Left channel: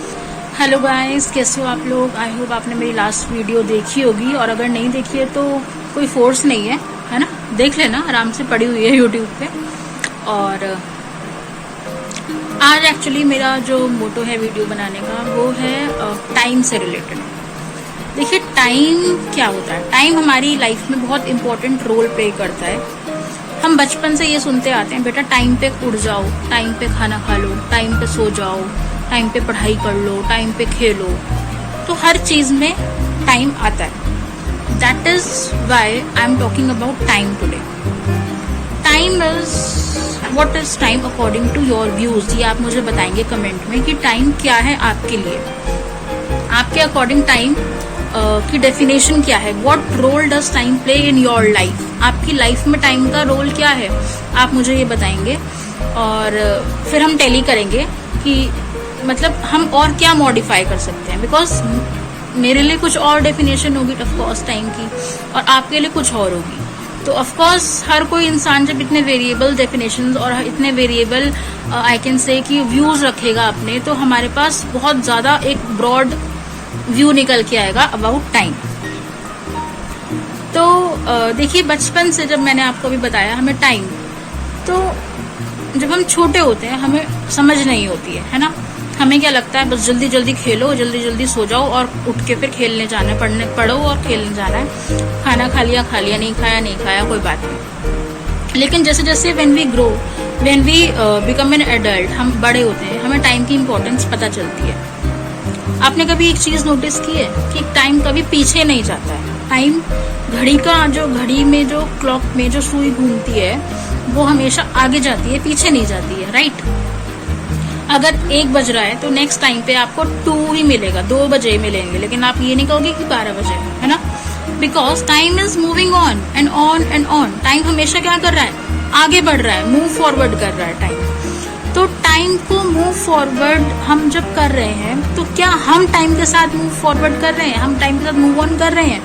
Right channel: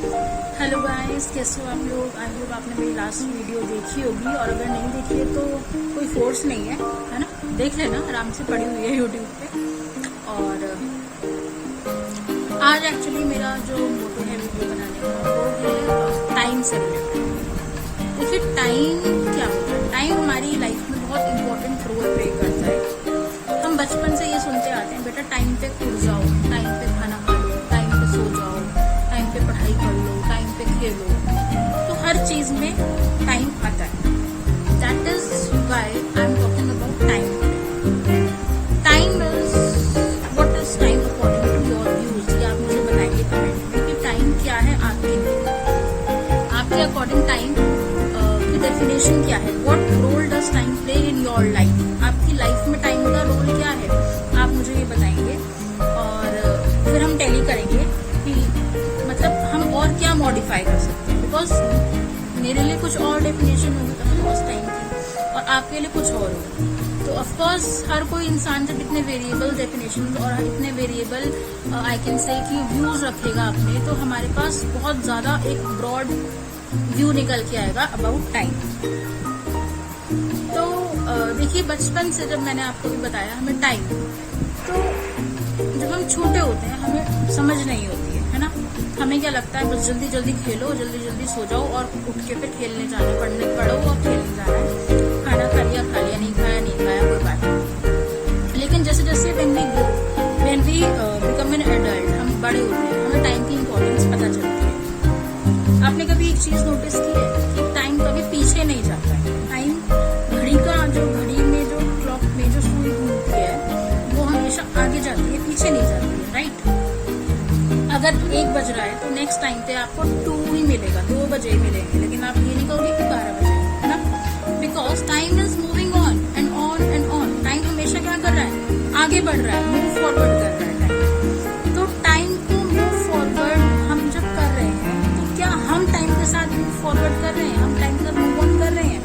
Hello guys, कैसे हो आप लोग। आई होप आपने मेरी लास्ट वीडियो देखी होगी, और अगर नहीं देखी है तो कोई फोर्स नहीं है ना, देख लेना, आराम से पड़ी हुई है यूट्यूब पे। और आज एक्चुअली मेरा जो मोटो है वीडियो बनाने का वो है टाइम से रिलेटेड। देखिए, टाइम क्या होता है। टाइम हमारी लाइफ में बहुत इंपॉर्टेंट रोल प्ले करता है। हम बचपन से ये सुनते आते हैं, बेटा टाइम पे उठ जाओ, टाइम पे खाना खा लो, टाइम पे सो जाओ, टाइम पे पढ़ाई कर लो, टाइम पे खेलो। तो हर चीज में टाइम आता है। That is why I am talking about time today. Time is what is time according to your views. ये आप मुझे बताएंगे कमेंट में कि टाइम क्या है आपके लिए, आपके अकॉर्डिंग टाइम की डेफिनेशन क्या है। What role does time play in your life. आपकी लाइफ में टाइम का रोल क्या है, आप मुझे ये बताएंगे। और फिर हम टैली करेंगे कि मतलब हम और क्या मॉडिफाई कर सकते हैं। बिकॉज मेरे लिए कुछ और डेफिनेशन होगी ऑफकोर्स टाइम की, और आपके लिए कुछ और होगी। तो ऑफकोर्स हर कोई इंसान जब इतने वेरिएबल डेफिनेशन और इतने वेरिएबल आई कैन से कि व्यूज रखेगा अपने, तो हमारे पास बहुत ज्यादा एक ब्रॉड व्यू निकल के आएगा अबाउट टाइम। तो देखिए, बचपन से जब मैंने आपको भी बताया, हमें टाइम, तो जब हम छोटे होते हैं हमें समझ नहीं होती है ना। हमें क्या लगता है, बस जल्दी जल्दी खेलो, जल्दी जल्दी सो जाओ और उठ के फिर खेलने जाना है, पढ़ो और खेलने जाना है। खाना खा लिया, नहीं खाया कोई बात नहीं। लेकिन जैसे जैसे when we grow, when we become an adult, हम बड़े होते हैं, हमें टाइम की इम्पोर्टेंस पता चलती है। आपने कभी एक चीज नोटिस की है कि टाइम कभी पीछे नहीं जाता है। टाइम घड़ी में जो क्लॉक में जो सुई घूमती है वो हमेशा आगे जाती है, पीछे नहीं जाती है, राइट। अगर 1 बज रहा है तो नेक्स्ट टाइम पे आपको 2 ही मिलेगा, 2 बजे मिलेंगे, लेकिन आप ये नहीं कहोगे कि 12 बजे, है ना। Because time is moving on and on and on. Time हमेशा क्या कर रहा है, आगे बढ़ रहा है, मूव फॉरवर्ड कर रहा है टाइम। तो टाइम को मूव फॉरवर्ड हम जब कर रहे हैं, तो क्या हम टाइम के साथ मूव फॉरवर्ड कर रहे हैं, हम टाइम के साथ मूव ऑन कर रहे हैं,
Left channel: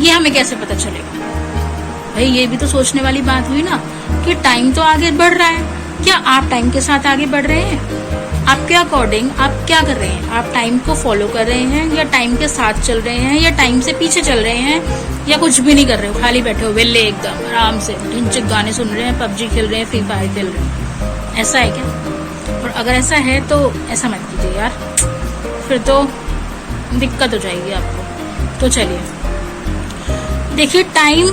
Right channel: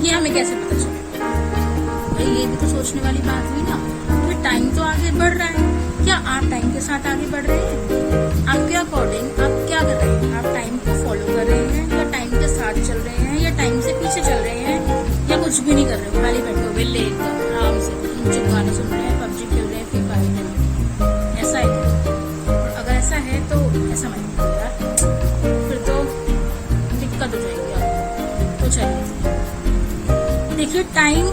ये हमें कैसे पता चलेगा। भाई ये भी तो सोचने वाली बात हुई ना कि टाइम तो आगे बढ़ रहा है, क्या आप टाइम के साथ आगे बढ़ रहे हैं। आपके अकॉर्डिंग आप क्या कर रहे हैं, आप टाइम को फॉलो कर रहे हैं, या टाइम के साथ चल रहे हैं, या टाइम से पीछे चल रहे हैं, या कुछ भी नहीं कर रहे हो, खाली बैठे हो वेले एकदम आराम से ढिंचक गाने सुन रहे हैं, पबजी खेल रहे हैं, फ्री फायर खेल रहे हैं। ऐसा है क्या। और अगर ऐसा है तो ऐसा मत कीजिए यार, फिर तो दिक्कत हो जाएगी आपको। तो चलिए, देखिए, टाइम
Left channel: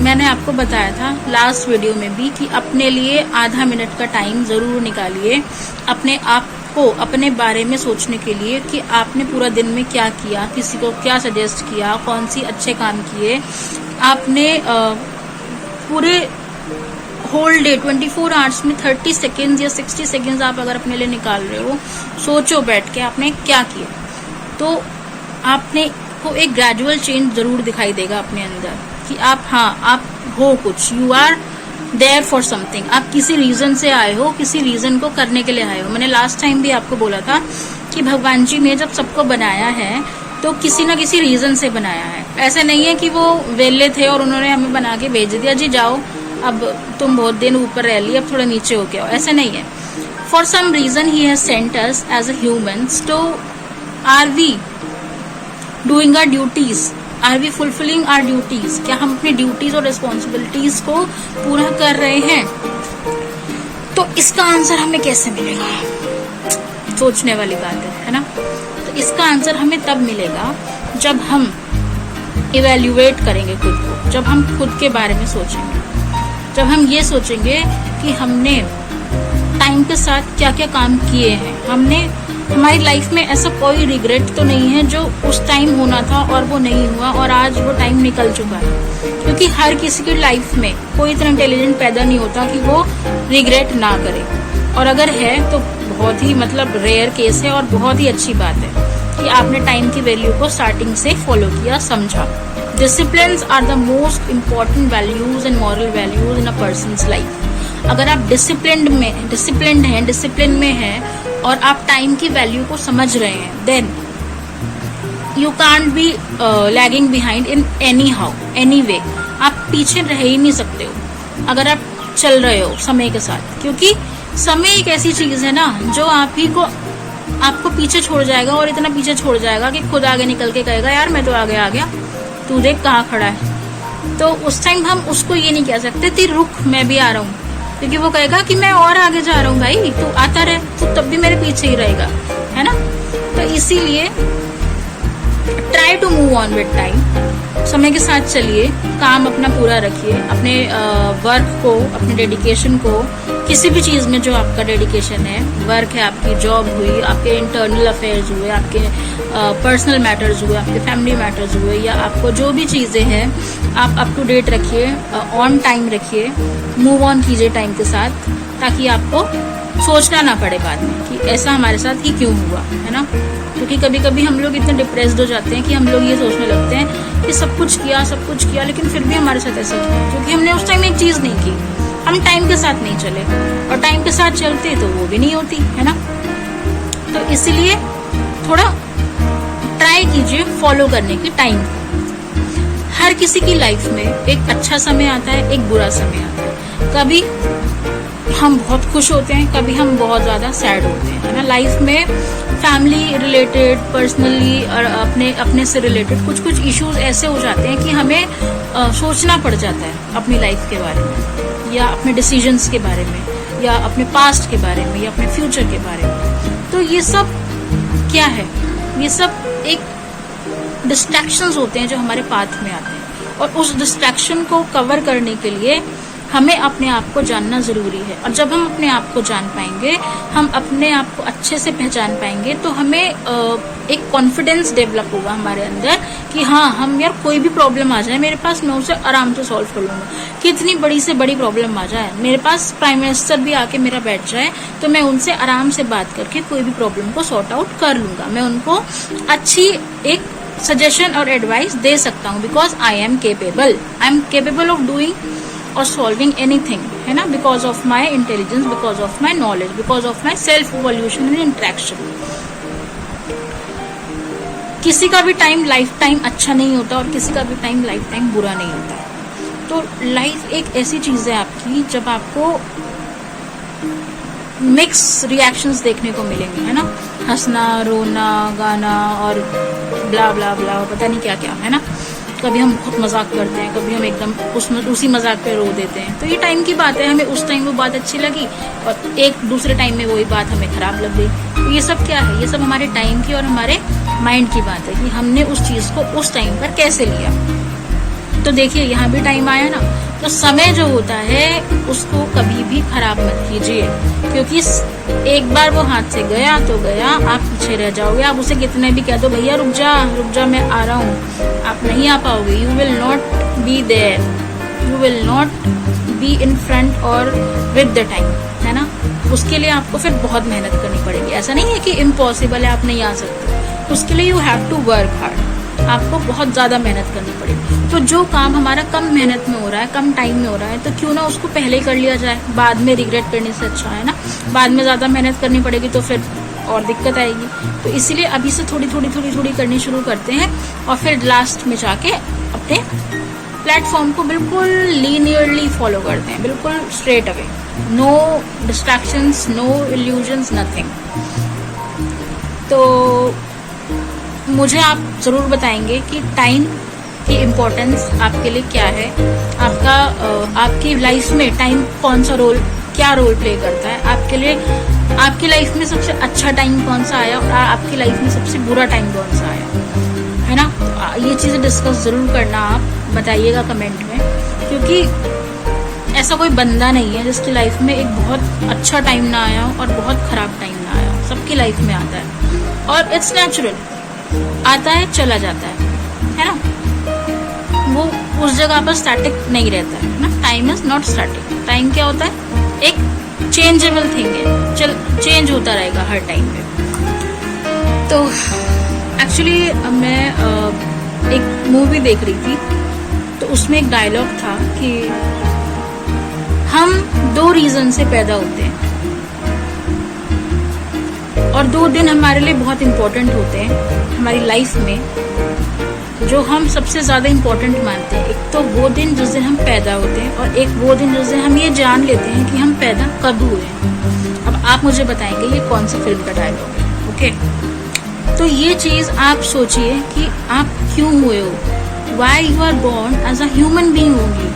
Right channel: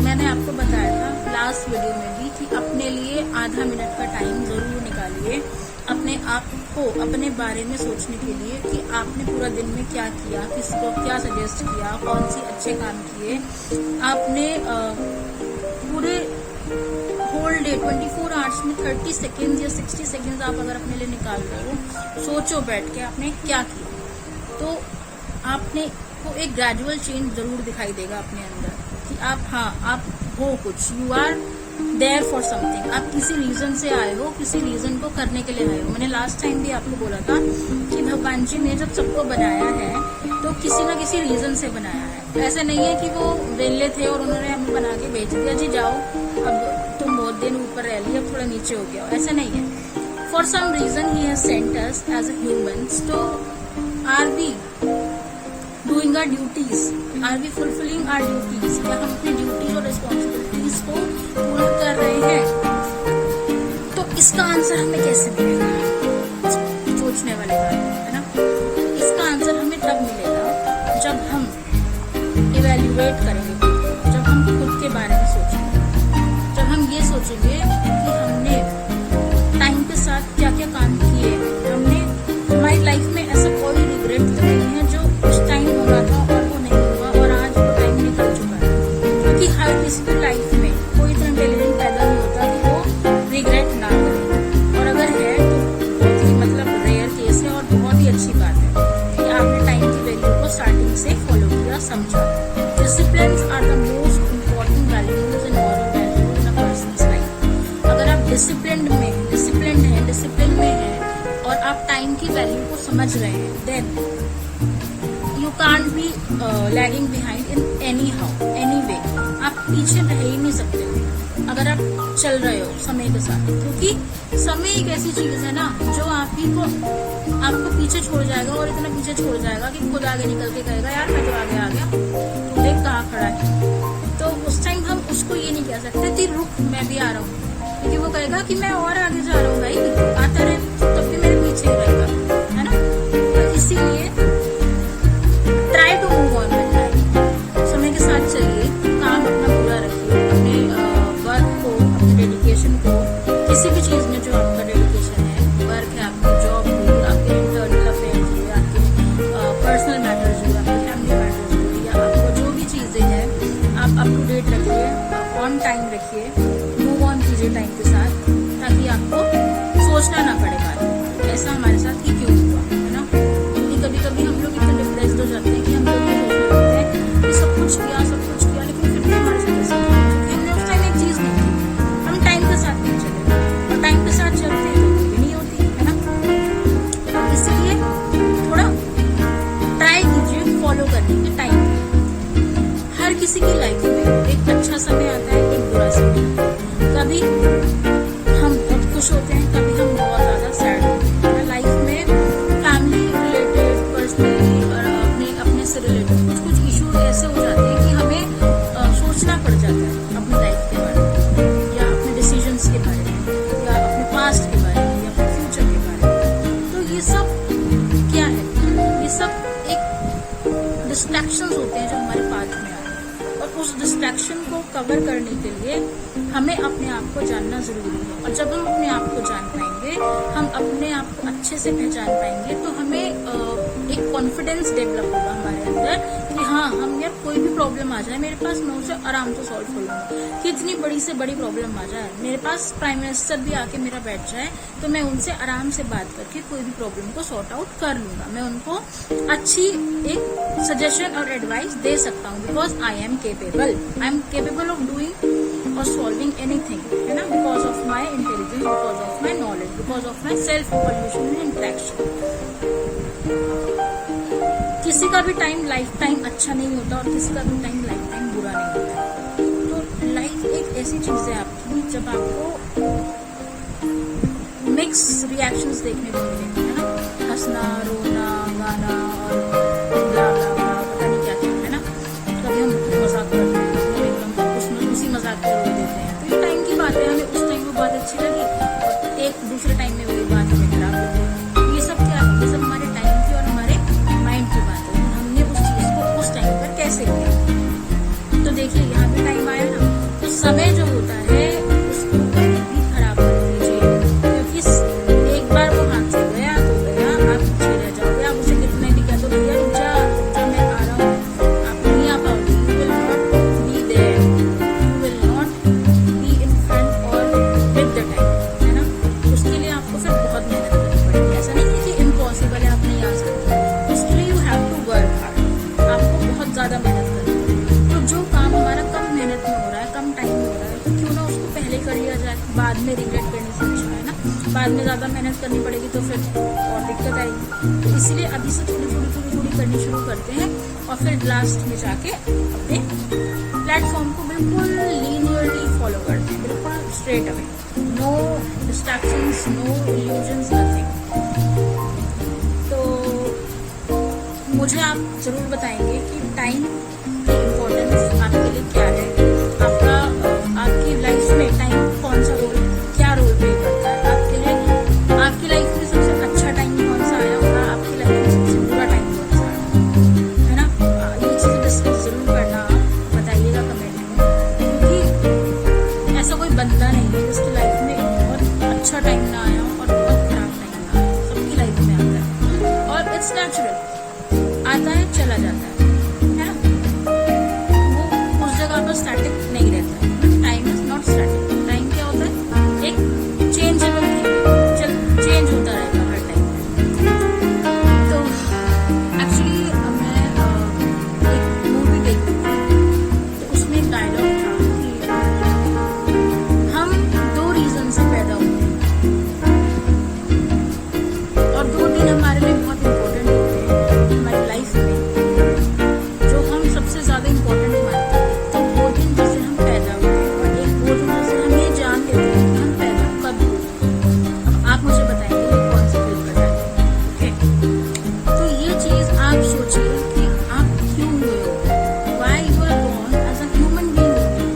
मैंने आपको बताया था लास्ट वीडियो में भी कि अपने लिए आधा मिनट का टाइम जरूर निकालिए, अपने आप को अपने बारे में सोचने के लिए कि आपने पूरा दिन में क्या किया, किसी को क्या सजेस्ट किया, कौन सी अच्छे काम किए आपने। पूरे होल डे 24 आवर्स में 30 सेकेंड्स या 60 सेकेंड्स आप अगर अपने लिए निकाल रहे हो, सोचो बैठ के आपने क्या किया, तो आपने को एक ग्रेजुअल चेंज जरूर दिखाई देगा अपने अंदर कि आप हो कुछ, you are there for something. आप किसी रीजन से आए हो, किसी रीजन को करने के लिए आए हो। मैंने लास्ट टाइम भी आपको बोला था कि भगवान जी ने जब सबको बनाया है तो किसी ना किसी रीजन से बनाया है। ऐसे नहीं है कि वो वेले थे और उन्होंने हमें बना के भेज दिया, जी जाओ अब तुम बहुत दिन ऊपर रह ली, अब थोड़ा नीचे हो गया। ऐसे नहीं है। For some reason he has sent us as a humans. तो are we doing our duties, are we fulfilling our duties. क्या हम अपनी ड्यूटीज और रिस्पॉन्सिबिलिटीज को पूरा कर रहे हैं। तो इसका आंसर हमें कैसे मिलेगा, सोचने वाली बात है ना। तो इसका आंसर हमें तब मिलेगा जब हम इवेल्युएट करेंगे खुद को, जब हम खुद के बारे में सोचेंगे, जब हम ये सोचेंगे कि हमने टाइम के साथ क्या क्या काम किए हैं। हमारी लाइफ में ऐसा कोई रिग्रेट तो नहीं है जो उस टाइम होना था और वो नहीं हुआ और आज वो टाइम निकल चुका है। क्योंकि हर किसी की लाइफ में कोई इतना इंटेलिजेंट पैदा नहीं होता कि वो रिग्रेट ना करे, और अगर है तो बहुत ही रेयर केस है। और बहुत ही अच्छी बात है कि आपने टाइम की वैल्यू को स्टार्टिंग से फॉलो किया, समझा। Disciplines are the most important values and moral values in a person's life. अगर आप डिसिप्लिन में हैं और आप टाइम की वैल्यू को समझ रहे हैं, then you can't be lagging behind in any way. आप पीछे रह ही नहीं सकते हो अगर आप चल रहे हो समय के साथ। क्योंकि समय एक ऐसी चीज है ना जो आप ही को आपको पीछे छोड़ जाएगा, और इतना पीछे छोड़ जाएगा कि खुद आगे निकल के कहेगा यार मैं तो आगे आ गया, तू देख कहाँ खड़ा है। तो उस टाइम हम उसको ये नहीं कह सकते ती रुक मैं भी आ रहा हूँ, क्योंकि वो कहेगा कि मैं और आगे जा रहा हूँ भाई, तू आता रहे, तो तब भी मेरे पीछे ही रहेगा, है ना। तो इसीलिए try to move on with time, समय के साथ चलिए, काम अपना पूरा रखिए, अपने वर्क को, अपने डेडिकेशन को, किसी भी चीज में जो आपका डेडिकेशन है, वर्क है, आपकी जॉब हुई, आपके इंटरनल अफेयर्स हुए, आपके पर्सनल मैटर्स हुए, आपके फैमिली मैटर्स हुए, या आपको जो भी चीजें हैं आप अप टू डेट रखिए, ऑन टाइम रखिए, मूव ऑन कीजिए टाइम के साथ, ताकि आपको सोचना ना पड़े बाद में कि ऐसा हमारे साथ ही क्यों हुआ, है ना। क्योंकि कभी कभी हम लोग इतने डिप्रेस्ड हो जाते हैं कि हम लोग ये सोचने लगते हैं कि सब कुछ किया, लेकिन फिर भी हमारे साथ ऐसा क्यों, क्योंकि हमने उस टाइम एक चीज नहीं की, हम टाइम के साथ नहीं चले, और टाइम के साथ चलते तो वो भी नहीं होती, है ना। तो इसलिए थोड़ा ट्राई कीजिए फॉलो करने की टाइम। हर किसी की लाइफ में एक अच्छा समय आता है, एक बुरा समय आता है, कभी हम बहुत खुश होते हैं, कभी हम बहुत ज्यादा सैड होते हैं, है ना। लाइफ में फैमिली रिलेटेड, पर्सनली और अपने से रिलेटेड कुछ इश्यूज ऐसे हो जाते हैं कि हमें सोचना पड़ जाता है अपनी लाइफ के बारे में, या अपने डिसीजंस के बारे में, या अपने पास्ट के बारे में, या अपने फ्यूचर के बारे में। तो ये सब क्या है, ये सब एक डिस्ट्रैक्शंस होते हैं जो हमारे पाथ में आते हैं, और उस डिस्ट्रैक्शन को कवर करने के लिए हमें अपने आप को जानना जरूरी है। और जब हम अपने आप को जान पाएंगे, हम अपने आप को अच्छे से पहचान पाएंगे, तो हमें एक कॉन्फिडेंस डेवलप होगा हमारे अंदर कि हाँ, हम यार कोई भी प्रॉब्लम आ जाए मेरे पास, मैं उसे आराम से सॉल्व कर लूंगा। कितनी बड़ी से बड़ी प्रॉब्लम आ जाए, मेरे पास प्राइम मिनिस्टर भी आके मेरा बैठ जाए, तो मैं उनसे आराम से बात करके कोई भी प्रॉब्लम को सॉर्ट आउट कर लूंगा। मैं उनको अच्छी एक सजेशन और एडवाइस दे सकता हूँ, because I am capable of doing और सॉल्विंग एनीथिंग, है ना, because of my intelligence, because of my knowledge, because of my self evolution and interaction. किसी का भी टाइम लाइफ टाइम अच्छा नहीं होता, और किसी का भी टाइम लाइफ टाइम बुरा नहीं होता। तो लाइफ एक ऐसी चीज है आपकी जब आपको मिक्स रिएक्शंस देखने को मिलेंगे, है ना, हंसना, रोना, गाना और ब्ला ब्ला ब्ला, पता नहीं क्या क्या, है ना। कभी हम बहुत मजाक करते हैं, कभी हम एकदम उसी मजाक पे रो देते हैं। तो ये टाइम की बात है, हमें उस टाइम वो बात अच्छी लगी और एक दूसरे टाइम में वही बात हमें खराब लग गई। तो ये सब क्या है, ये सब हमारे टाइम की और हमारे माइंड की बात है कि हमने उस चीज को उस टाइम पर कैसे लिया। तो देखिए यहाँ भी टाइम आया ना, तो समय जो होता है उसको कभी भी खराब मत कीजिए, क्योंकि एक बार वो हाथ से गया तो गया, आप पीछे रह जाओगे। आप उसे कितने भी कह दो भैया रुक जा मैं आ रहा हूँ, आप नहीं आ पाओगे। You will not be there, you will not be in front और विद द टाइम, है ना। उसके लिए आपको फिर बहुत मेहनत करनी पड़ेगी। ऐसा नहीं है कि इम्पॉसिबल है, आप नहीं आ सकते। उसके लिए you have to work hard, आपको बहुत ज्यादा मेहनत करनी पड़ेगी। तो जो काम हमारा कम मेहनत में हो रहा है, कम टाइम में हो रहा है, तो क्यों ना उसको पहले ही कर लिया जाए, बाद में रिग्रेट करने से अच्छा, है ना। बाद में ज्यादा मेहनत करनी पड़ेगी तो फिर और दिक्कत आएगी। तो इसीलिए अभी से थोड़ी थोड़ी करनी शुरू करते हैं, और फिर लास्ट में जाके अपने प्लेटफॉर्म को बिल्कुल लीनियरली फॉलो करते हैं, बिल्कुल straight away, no distractions, no illusions, nothing. तो मुझे आप जरूर बताएंगे कि टाइम की इम्पोर्टेंस आपके लिए क्या है, आपकी लाइफ में टाइम कौन सा क्या रोल प्ले करता है आपके लिए। आपकी लाइफ में सबसे अच्छा टाइम कौन सा आया, और आपकी लाइफ में सबसे बुरा टाइम कौन सा आया, है ना। तो ये चीजें डिस्कस जरूर करना, आप बताइएगा कमेंट में, क्योंकि ऐसा कोई बंदा नहीं है जिसकी लाइफ में एक बहुत अच्छा टाइम ना आया हो और बहुत खराब टाइम ना आया हो। सबकी लाइफ में आता है, और इट्स नेचुरल, आता है चला जाता है ना। वो उस जगह पर स्टैटिक नहीं रहता है ना। Time is not static. Time क्या होता है, एक चेंजेबल थिंग है, चेंज होता रहेगा हर टाइम पे। तो एक्चुअली मैं एक मूवी देख रही थी, तो उसमें एक डायलॉग था कि हम 2 रीजन से पैदा होते हैं, और 2 दिन हमारे लिए बहुत इम्पोर्टेंट होते हैं हमारी लाइफ में, जो हम सबसे ज्यादा इम्पोर्टेंट मानते हैं। एक तो वो दिन जिस दिन हम पैदा होते हैं, और एक वो दिन जिस दिन हम ये जान लेते हैं कि हम पैदा कब हुए हैं। अब आप मुझे बताएंगे ये कौन सी फिल्म का डायलॉग है, ओके, तो ये चीज आप सोचिए कि आप क्यों हुए हो, why you are born as a human being only,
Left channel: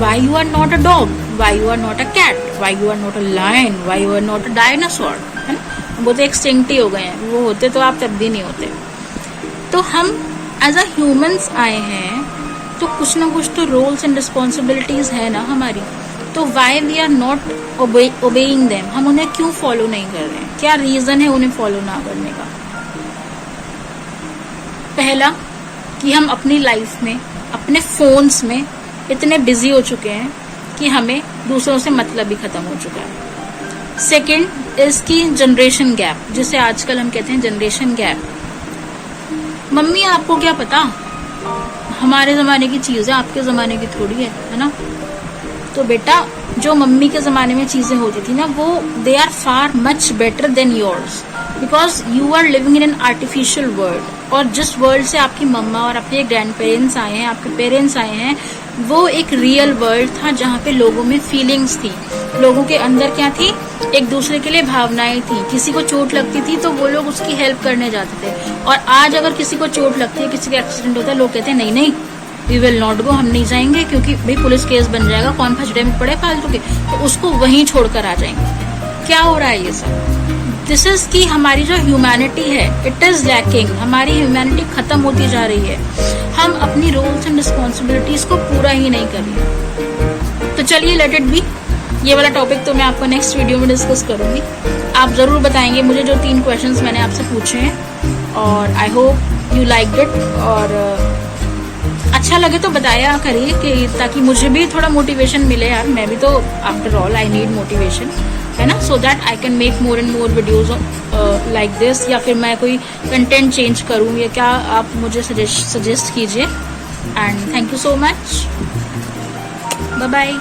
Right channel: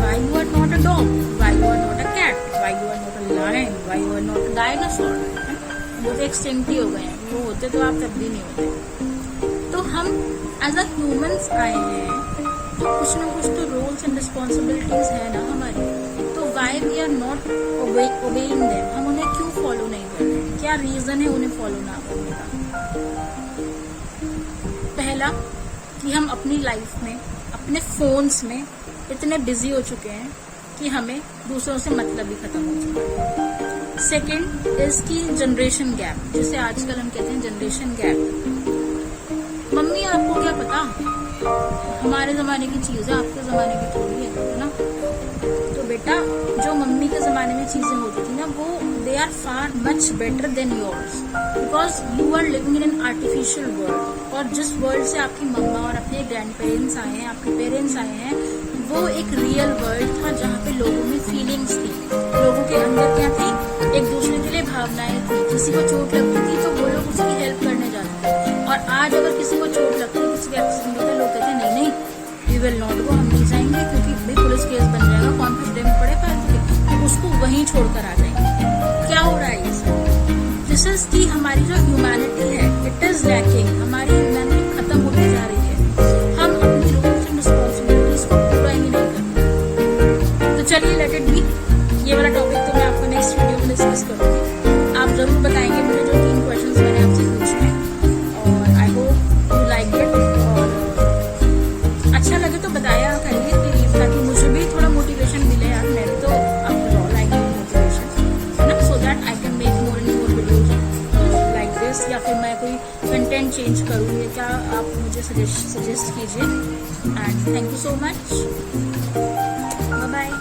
why you are not a dog, why you are not a cat, why you are not a lion, why you are not a dinosaur, है ना। वो तो extinct ही हो गए हैं, वो होते तो आप तब भी नहीं होते। तो हम एज अ ह्यूमंस आए हैं तो कुछ ना कुछ तो रोल्स एंड रिस्पॉन्सिबिलिटीज है ना हमारी, तो why we are not obeying them, हम उन्हें क्यों फॉलो नहीं कर रहे हैं, क्या रीजन है उन्हें फॉलो ना करने का। पहला कि हम अपनी लाइफ में अपने फोन्स में इतने बिजी हो चुके हैं कि हमें दूसरों से मतलब ही खत्म हो चुका है। सेकंड इज की जनरेशन गैप, जिसे आजकल हम कहते हैं जनरेशन गैप। मम्मी आपको क्या पता, हमारे जमाने की चीज है, आपके जमाने की थोड़ी है ना। तो बेटा जो मम्मी के जमाने में चीजें होती थी ना, वो they are far much better than yours, because you are living in an artificial world. और जिस वर्ल्ड से आपकी मम्मा और आपके ग्रैंड पेरेंट्स आए हैं, आपके पेरेंट्स आए हैं, वो एक रियल वर्ल्ड था जहाँ पे लोगों में फीलिंग्स थी, लोगों के अंदर क्या थी, एक दूसरे के लिए भावनाएं थी। किसी को चोट लगती थी तो वो लोग उसकी हेल्प करने जाते थे। और आज अगर किसी को चोट लगती है, किसी का एक्सीडेंट होता है, लोग कहते हैं नहीं नहीं वी विल नॉट गो, हम नहीं जाएंगे क्योंकि भाई पुलिस केस बन जाएगा, कौन फजड़े में पड़े फालतू के, तो उसको वहीं छोड़कर आ जाएंगे। क्या हो रहा है ये सब? दिस इज की हमारी जो ह्यूमैनिटी है इट इज लैकिंग, हमारी ह्यूमैनिटी खत्म होती जा रही है। हम अपनी रोल्स एंड रिस्पॉन्सिबिलिटीज को पूरा ही नहीं कर रहे। तो चलिए लेट इट बी, ये वाला टॉपिक तो मैं आपको नेक्स्ट वीडियो में डिस्कस करूंगी। आप जरूर बताएंगे मुझे जो 3 क्वेश्चंस मैंने आपसे पूछे हैं, और I hope you like it. और अच्छा लगे तो बताया करिए कि ताकि मुझे भी थोड़ा मोटिवेशन मिले यार, मैं भी तो after all I need motivation, है ना, so that I can make more and more videos like this. या फिर मैं कोई कंटेंट चेंज करूँ, या क्या आप मुझे सजेस्ट कीजिए। And thank you so much, bye bye.